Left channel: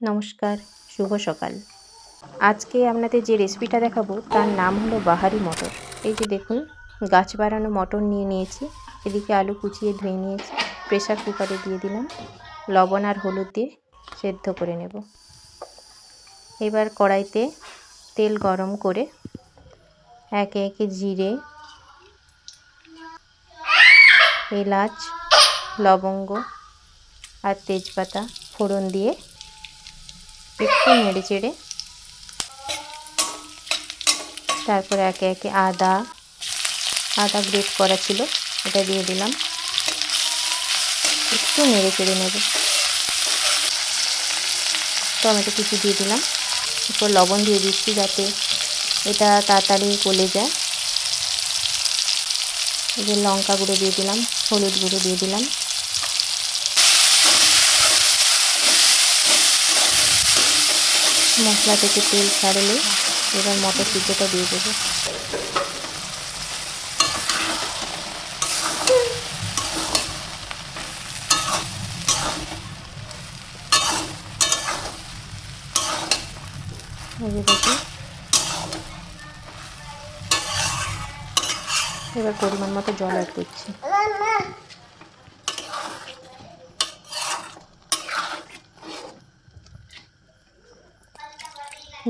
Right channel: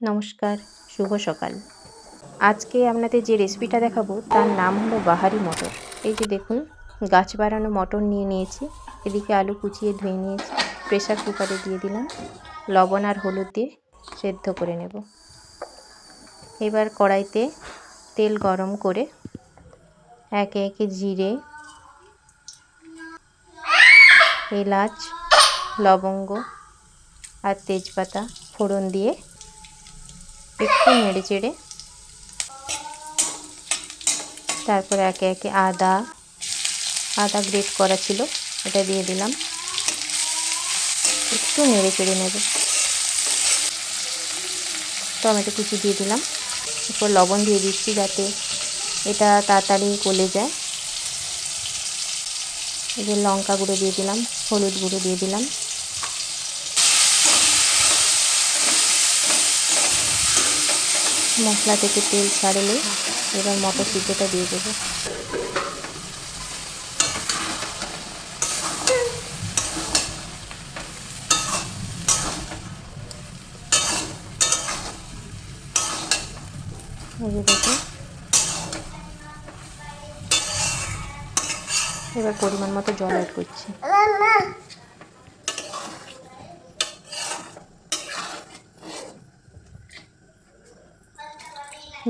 নমস্কার, শুভ সকাল। আজকে আপনাদের যে রেসিপিটা দেখাবো তার নাম হলো বাহারি মটর। এই যে দেখুন, গাছ বাড়ানো মটর নিয়ে নিয়েছি। এদিকে আলু কুচিয়ে ধুয়ে নিয়েছি, প্রেসার কুকারে দিয়ে দিলাম। লবণ আর হলুদ দিয়ে সেদ্ধ করে নেব। এবার কড়াইতে তেল গরম করে একে একে জিরে, এলাচ, লবঙ্গ আর তেজপাতা ফোড়ন দিয়ে একটু নেড়ে চেড়ে তারপরে একে একে আদা গ্রেট করা ছিল এটা দিয়ে দিলাম। একটু নেড়ে চেড়ে নেব। টমেটো কুচি দিয়ে দিলাম। এরপর লবণ দিয়ে দিচ্ছি যাতে এটা তাড়াতাড়ি গলে যায়। এই যে লঙ্কা গুঁড়ো দিয়ে দিলাম, হলুদ গুঁড়ো দিয়ে দিলাম। মশলা থেকে তেল ছাড়লে এবার মটর সিদ্ধটা দিয়ে দেবো। এই যে দেখুন, এবার পরিমাণ মতো জল অ্যাড করছি।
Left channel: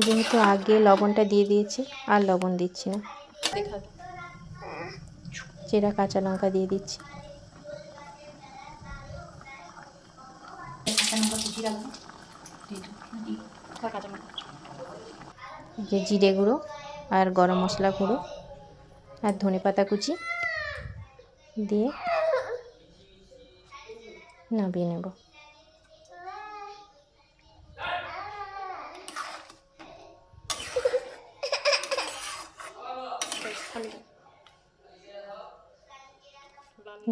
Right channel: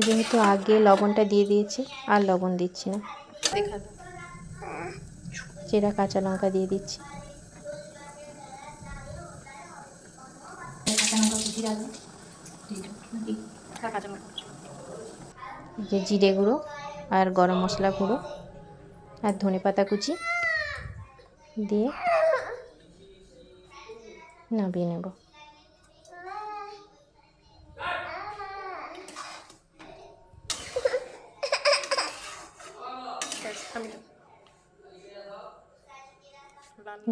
যেহেতু আগে লবণটা দিয়ে দিয়েছি আর লবণ দিচ্ছি না। চেরা কাঁচা লঙ্কা দিয়ে দিচ্ছি। যে জিরে গুঁড়ো আর গরম মশলা গুঁড়ো আর ধনেপাতা কুচি দিয়ে নামিয়ে নেব।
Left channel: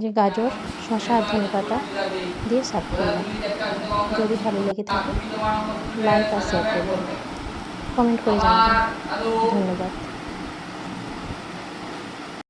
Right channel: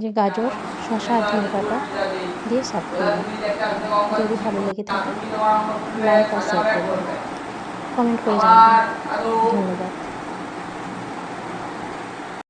যে গাজর, শসা আর ধনেপাতা দিয়ে সার্ভ করলাম। যদি ভালো লেগে থাকে লাইক আর শেয়ার করবেন, কমেন্ট করে জানাবেন। ধন্যবাদ।